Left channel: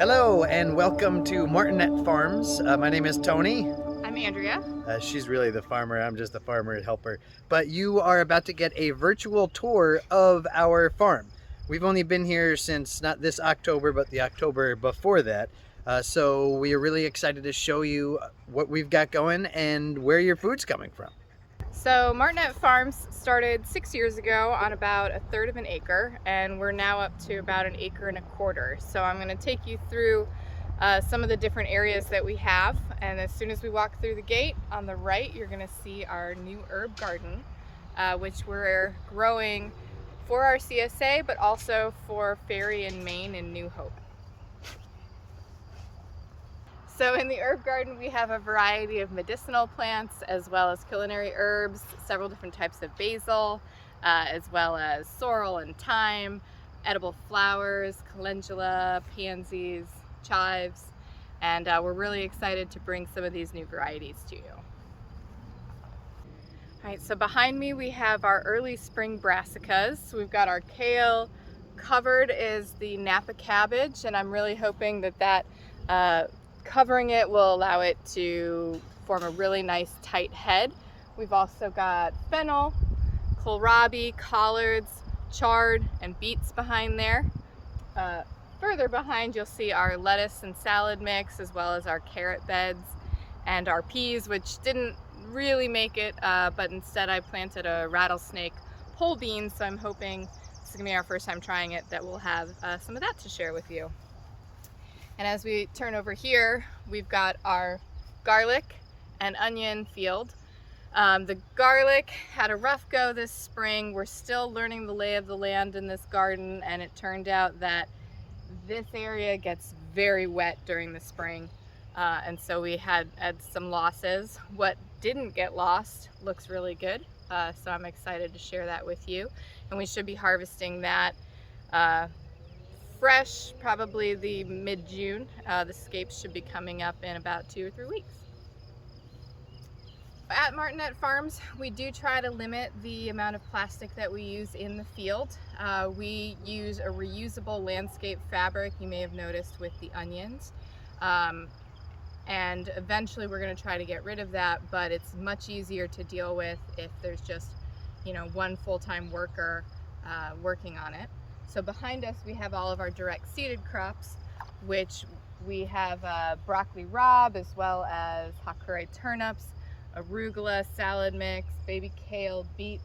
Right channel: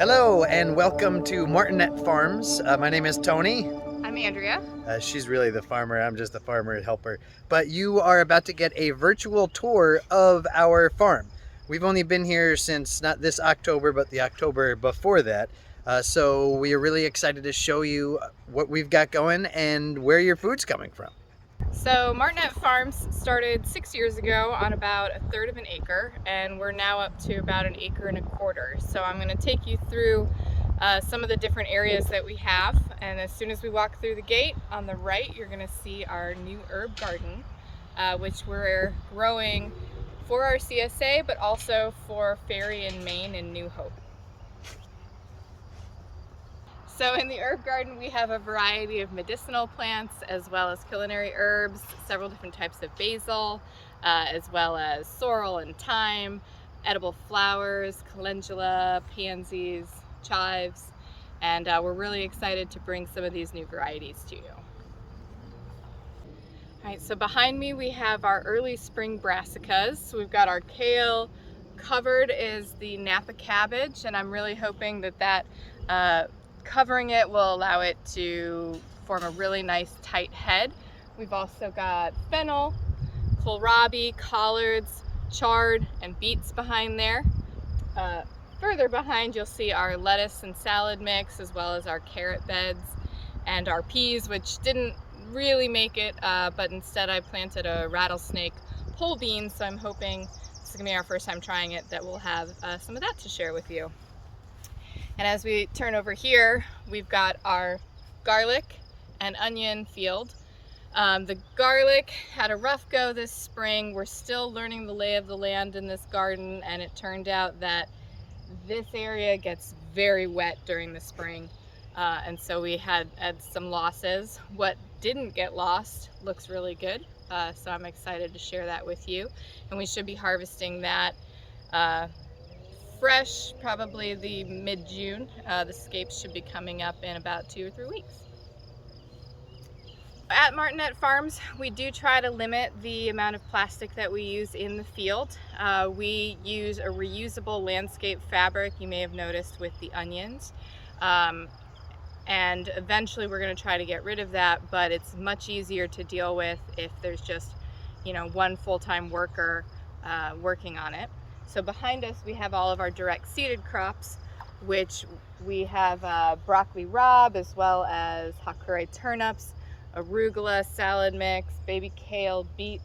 Hello and welcome to Martenette Farms. My name is Tony. I'm Andrea. She's really the farmer, I'm just the farmer helper. But you are about to get a virtual tour of our farm. We've only been here since not this October, but the October before that. So we are really excited to show you what we've got going and where your food's coming from. So Martenette Farms started 6 years ago on about 1/3 of an acre, and we're now up to about 1.25 acres. So I'm going to take you through some of the different areas that we have, and as soon as we walk through the gate on the right, you're going to see our new herb garden, which we're growing for our CSA, but also for Ferry in Maine and New Hope. So in the herb garden, we have a variety of medicinal plants as well as culinary herbs, several different types of basil, as well as sorrel and thyme, edible flowers, calendula, pansies, chives, and we're really excited to bring some of these new varieties to you. All right, so behind me we have our early spring brassicas. So we've got our kale, covered is the Napa cabbage, and I'm really hoping that covering it will allow it to form a really nice tight head. We've also got fennel, kohlrabi, collards, chard, and beets behind there. Further behind you'll see our lettuce and salad mix, as well as our carrot beds and our peas, which didn't really make it, but instead I planted a rattlesnake pole bean, so I'm hoping this is gonna be our first time trying it, that we'll have some of that to share with you. And as we turn over here, we've got our garlic and onion field. The garlic had a rough go this spring. We're still learning the lay of the land in this garden, and it turned out that this area gets very wet during the spring. And so we had some losses. What didn't get lost looks really good. So I'm excited to share that with you. And we should be harvesting that fresh, probably the mid-June. The scapes should be coming up in about 2 or 3 weeks. At Martenette Farms, we do try to limit the amount of plastic that we use in the field. We use a reusable landscape fabric, you may have noticed with the onions. And eventually we're going to try to get rid of that, but it's much easier to deal with if there's just, one full-time worker working on it. So behind us we have all of our direct seeded crops, which we have broccoli rabe, as well as hakure turnips, arugula, salad mix, baby kale, beets,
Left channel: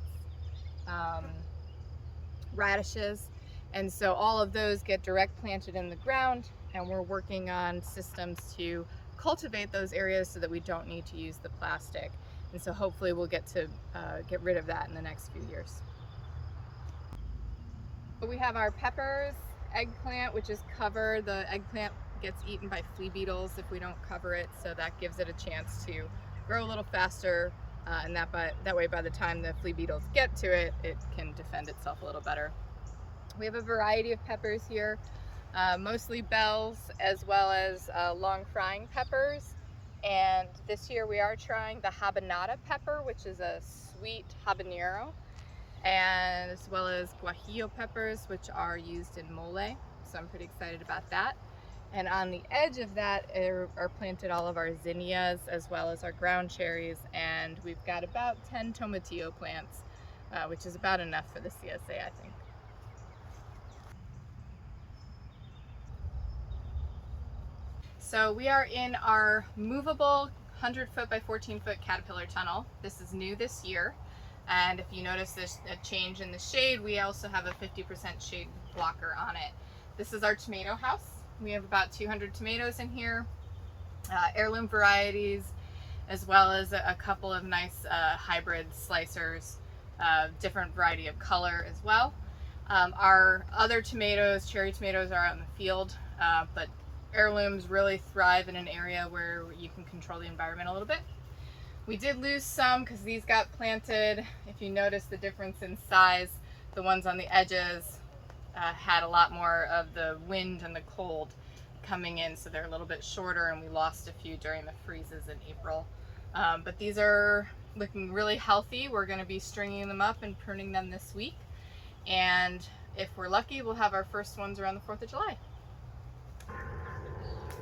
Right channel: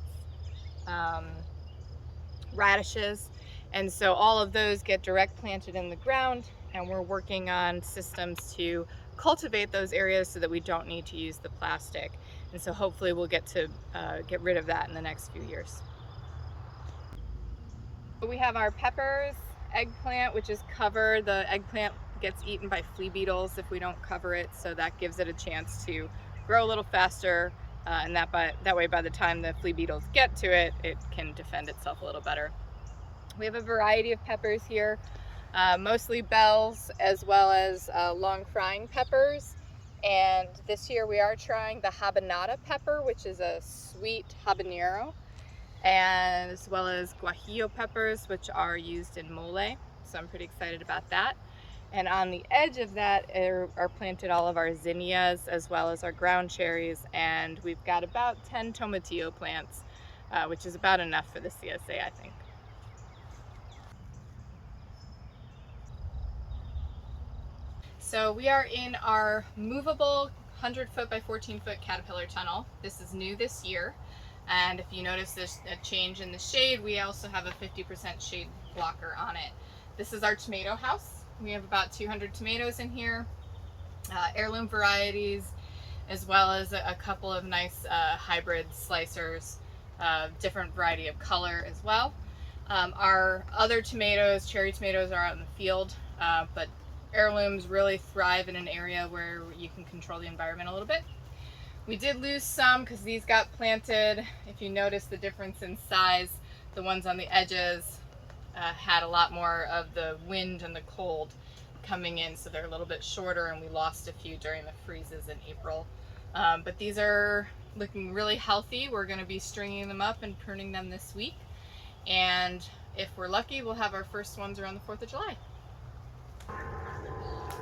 radishes. And so all of those get direct planted in the ground, and we're working on systems to cultivate those areas so that we don't need to use the plastic. And so hopefully we'll get to get rid of that in the next few years. We have our peppers, eggplant, which is covered. The eggplant gets eaten by flea beetles if we don't cover it, so that gives it a chance to grow a little faster, and that way by the time the flea beetles get to it, it can defend itself a little better. We have a variety of peppers here, mostly bells, as well as long frying peppers. And this year we are trying the habanada pepper, which is a sweet habanero, and as well as guajillo peppers, which are used in mole. So I'm pretty excited about that. And on the edge of that are planted all of our zinnias, as well as our ground cherries, and we've got about 10 tomatillo plants, which is about enough for the CSA, I think. So we are in our movable 100-foot by 14-foot caterpillar tunnel. This is new this year. And if you notice there's a change in the shade, we also have a 50% shade blocker on it. This is our tomato house. We have about 200 tomatoes in here, heirloom varieties, as well as a couple of nice hybrid slicers, different variety of color as well. Our other tomatoes, cherry tomatoes, are out in the field, but heirlooms really thrive in an area where you can control the environment a little bit. We did lose some because these got planted. If you notice the difference in size, the ones on the edges had a lot more of the wind and the cold coming in, so they're a little bit shorter, and we lost a few during the freezes in April. But these are looking really healthy. We're going to be stringing them up and pruning them this week, and if we're lucky, we'll have our first ones around the 4th of July.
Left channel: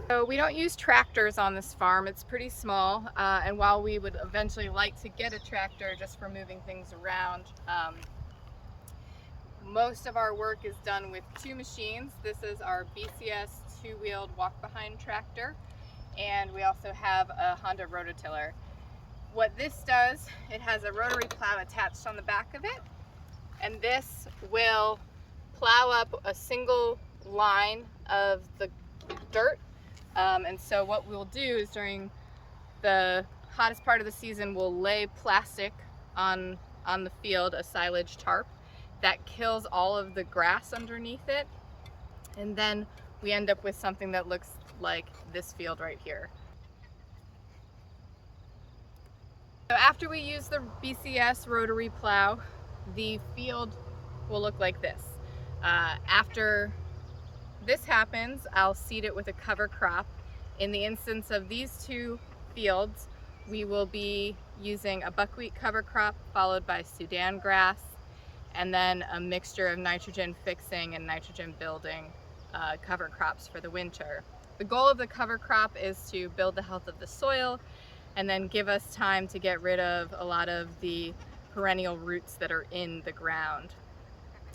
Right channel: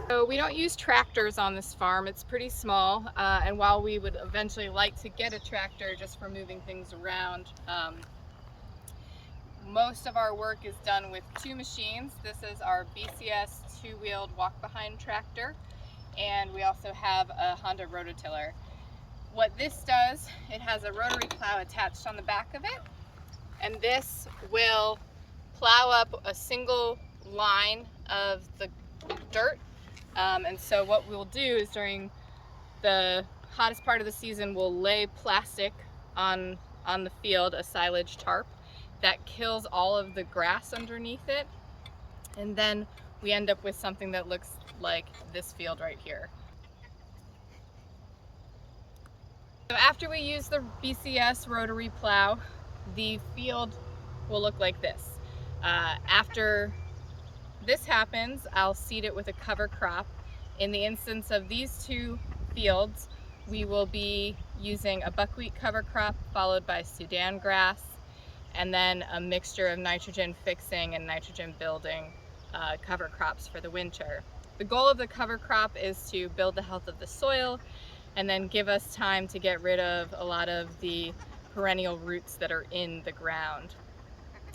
So we don't use tractors on this farm. It's pretty small, and while we would eventually like to get a tractor just for moving things around, most of our work is done with two machines. This is our BCS two-wheeled walk-behind tractor, and we also have a Honda rototiller. What this does, it has a rotary plow attached on the back of it, and this will plow up a single line of the dirt. And so what we'll do is during the hottest part of the season, we'll lay plastic on the field, a silage tarp that kills all of the grass underneath it. And then we end up with something that looks like this field right here. So after we use the BCS rotary plow, the field will look like this. After this happens, I'll seed it with a cover crop. In the instance of these two fields, we will be using a buckwheat cover crop followed by Sudan grass, and then a mixture of nitrogen fixing and nitrogen building cover crops for the winter. The goal of the cover crop is to build the health of the soil and then give us time to get rid of a lot of the perennial roots that are in the ground.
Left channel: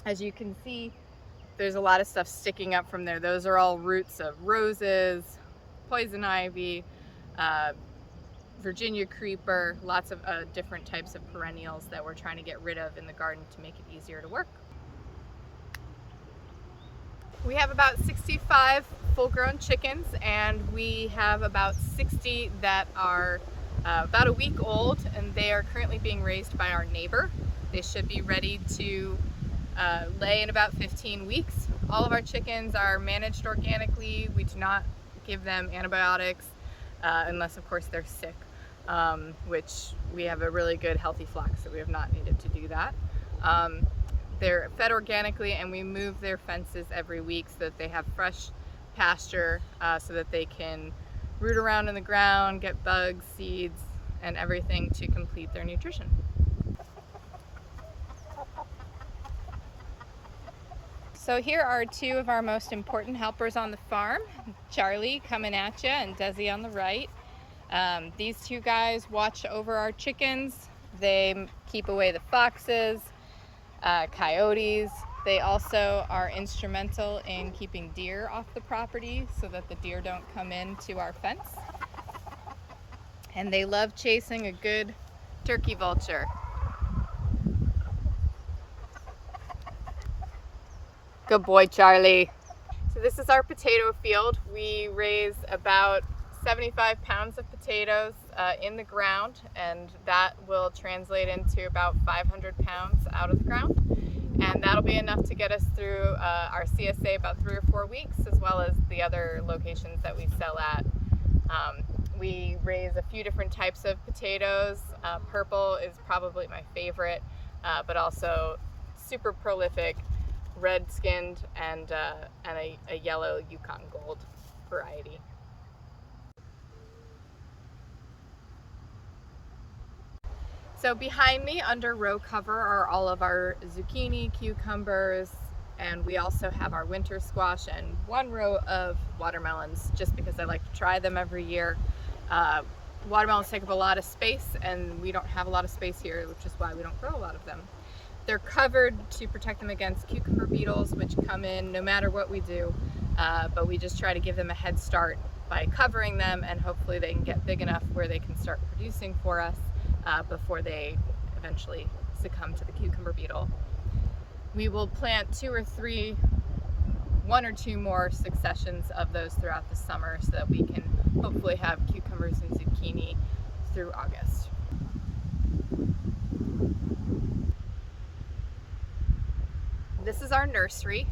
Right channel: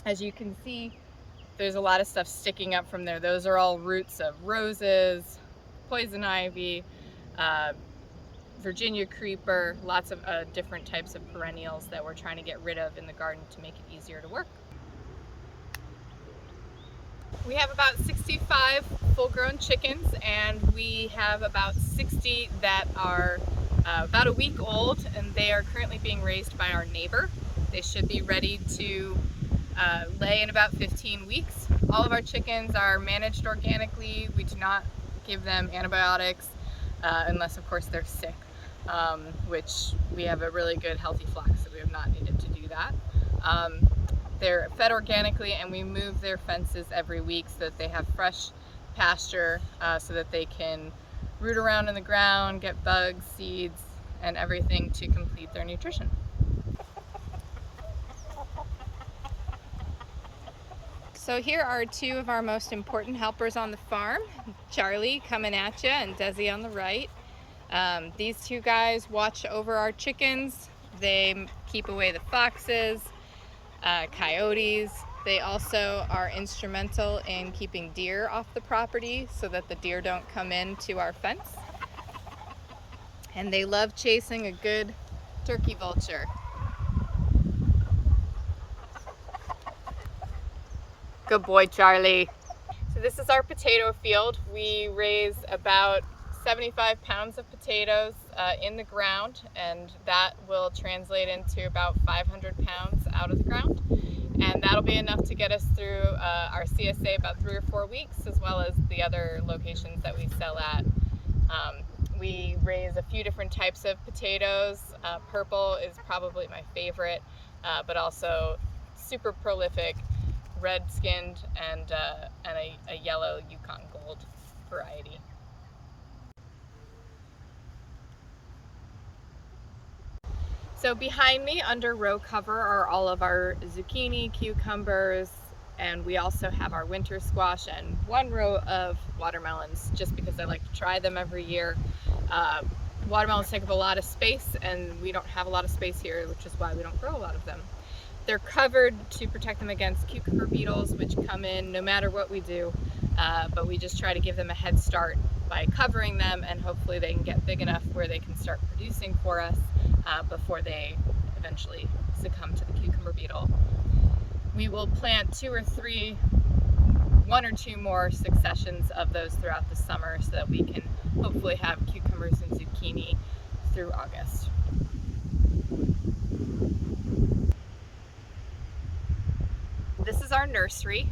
As you can see, there's a lot of stuff sticking up from there. Those are all roots of roses, poison ivy, Virginia creeper, lots of different types of perennials that we're trying to get rid of in the garden to make it easier to work. We have about 65 full-grown chickens, and we have about 60 that are about a week old, and they are currently being raised by our neighbor. They should be ready to lay in about 15 weeks. All of our chickens are managed organically. We do not give them antibiotics unless of course they're sick, which we have a really good healthy flock, so we have not needed to do that. They're fed organically, and we move their fences every week so that they have fresh pasture, so that they can root around in the ground, get bugs, seeds, and everything to complete their nutrition. So here are two of our most important helpers on the farm, Charlie coming at you and Desi on the right. These two guys watch over our chickens. They keep away the foxes, coyotes. They also are instrumental in keeping deer off the property so that the deer don't come into our fence. And they love chasing a good turkey vulture. Good boy, Charlie. So this is our potato field. We raise about 75 pounds of potatoes in the ground, and that will translate into about 500 pounds out of the ground. And that'll be enough to get us through our CSA about 3 or 4 weeks, as well as the other locations that we sell at. We raise a few different types of potatoes. Purple is probably my favorite, but also super prolific red-skinned and a yellow Yukon Gold variety. So behind me under row cover are all of our zucchini, cucumbers, and we also have our winter squash and one row of watermelons, just because I like to try them every year. Watermelons take up a lot of space, and we don't have a lot of space here, which is why we don't grow a lot of them. They're covered to protect them against cucumber beetles, which come in no matter what we do, but we just try to give them a head start by covering them, and hopefully they can get big enough where they can start producing for us before they eventually succumb to the cucumber beetle. We will plant 2 or 3, 1 or 2 more successions of those throughout the summer so that we can hopefully have cucumbers and zucchini through August. This is our nursery.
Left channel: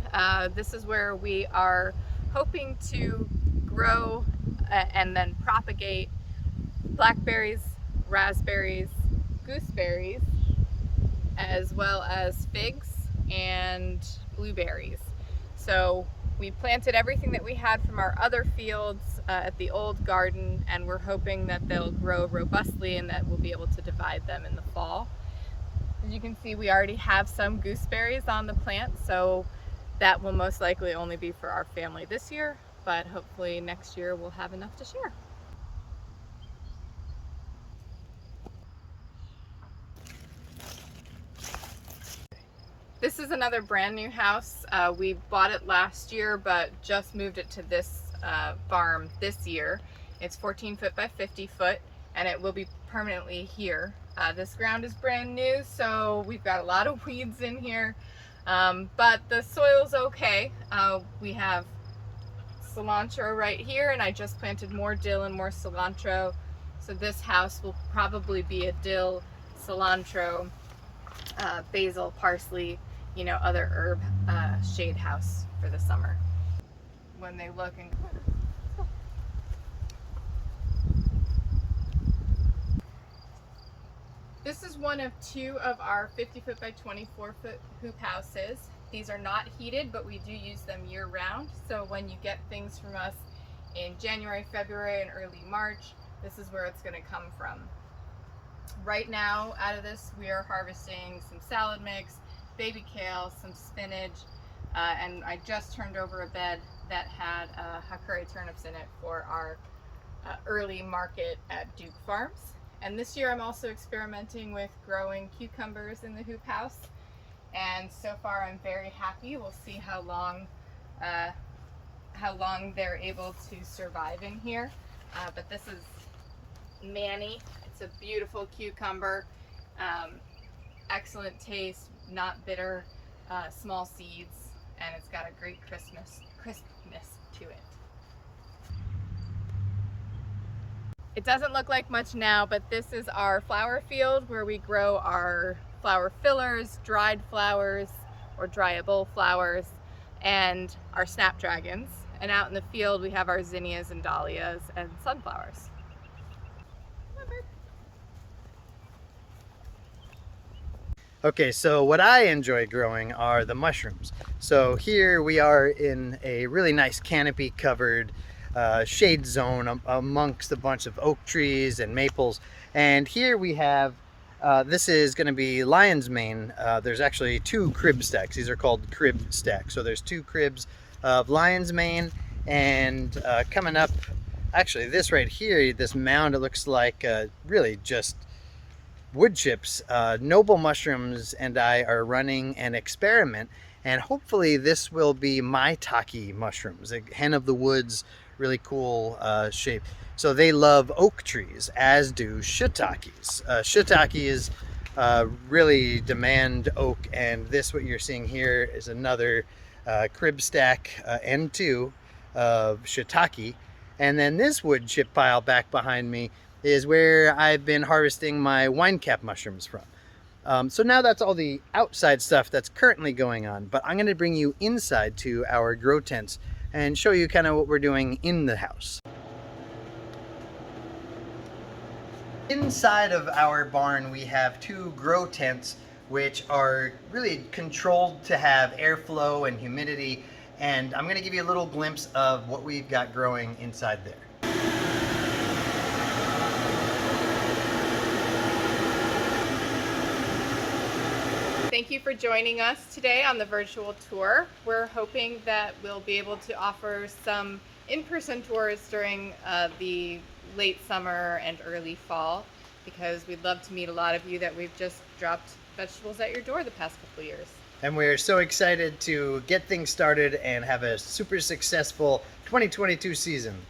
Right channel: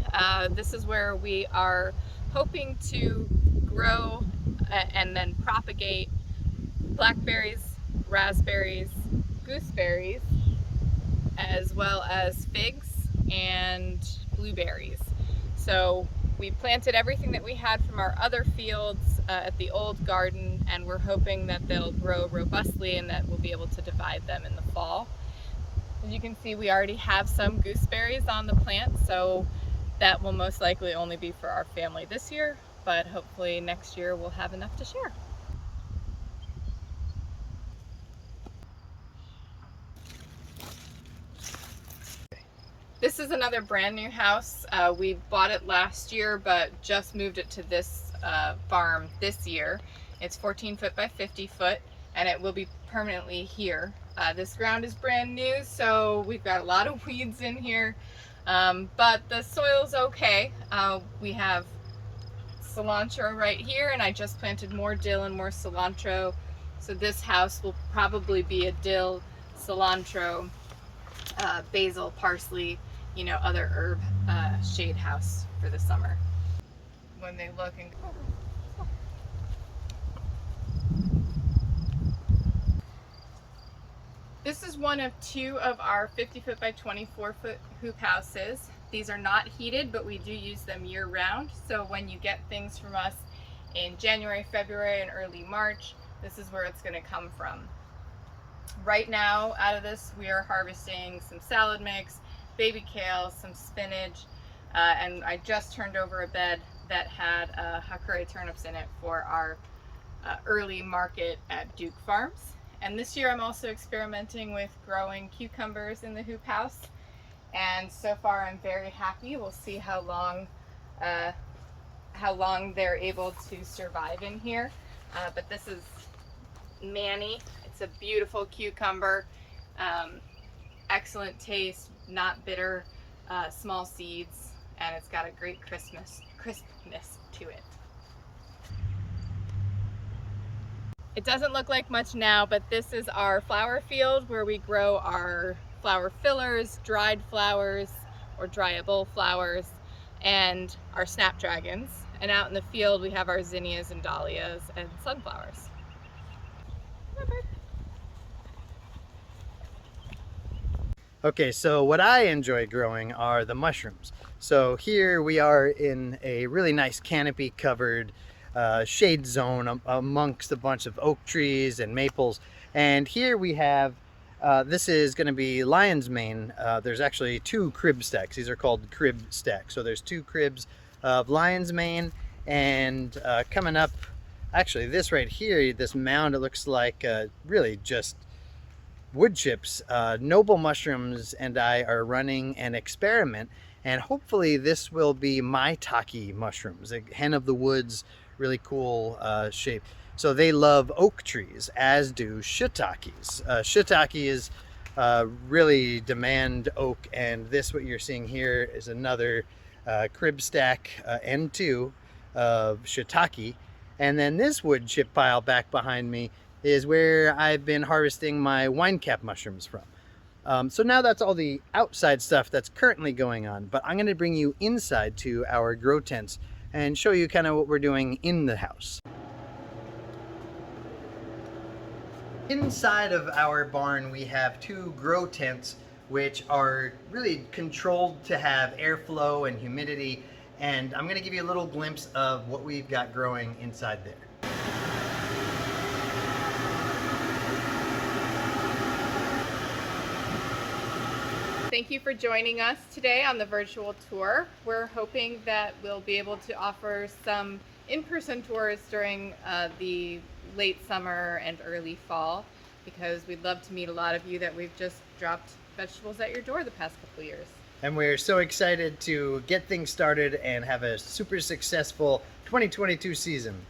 This is where we are hoping to grow and then propagate blackberries, raspberries, gooseberries, as well as figs and blueberries. So we planted everything that we had from our other fields at the old garden, and we're hoping that they'll grow robustly and that we'll be able to divide them in the fall. As you can see, we already have some gooseberries on the plant, so that will most likely only be for our family this year. but hopefully next year we'll have enough to share. This is another brand new house. We bought it last year, but just moved it to this farm this year. It's 14 foot by 50 foot, and it will be permanently here. This ground is brand new, so we've got a lot of weeds in here, but the soil's okay. We have cilantro right here, and I just planted more dill and more cilantro. So this house will probably be a dill, cilantro, basil, parsley, you know, other herb shade house for the summer. When they look and this is one of two of our 50 foot by 24 foot hoop houses. These are not heated, but we do use them year round. So when you get things from us in January, February, and early March, this is where it's going to come from. Right now, out of this, we are harvesting some salad mix, baby kale, some spinach, and I just turned over a bed that had Hakure turnips in it for our early market at Duke Farms. And this year I'm also experimenting with growing cucumbers in the hoop house, and so far I'm very happy. We'll see how long they're able to survive in here. But this is Manny. It's a beautiful cucumber, excellent taste, not bitter, small seeds, and it's got a great crispness to it. It doesn't look like much now, but this is our flower field where we grow our flower fillers, dried flowers or dryable flowers, and our snapdragons. And out in the field we have our zinnias and dahlias and sunflowers. Okay, so what I enjoy growing are the mushrooms. So here we are in a really nice canopy covered shade zone amongst a bunch of oak trees and maples. And here we have, this is going to be lion's mane. There's actually two crib stacks. These are called crib stacks. So there's two cribs of lion's mane, and coming up, actually this right here, this mound, it looks like really just wood chips. Noble Mushrooms and I are running an experiment, and hopefully this will be maitake mushrooms, a hen of the woods, really cool shape. So they love oak trees, as do shiitakes. Shiitakes really demand oak, and this, what you're seeing here, is another crib stack N2 of shiitake. And then this wood chip pile back behind me is where I've been harvesting my wine cap mushrooms from. So now that's all the outside stuff that's currently going on, but I'm going to bring you inside to our grow tents and show you kind of what we're doing in the house. Inside of our barn we have two grow tents which are really controlled to have airflow and humidity, and I'm going to give you a little glimpse of what we've got growing inside there. Thank you for joining us today on the virtual tour. We're hoping that we'll be able to offer some in-person tours during the late summer and early fall, because we'd love to meet a lot of you that we've just dropped vegetables at your door the past couple of years. And we're so excited to get things started and have a super successful 2022 season.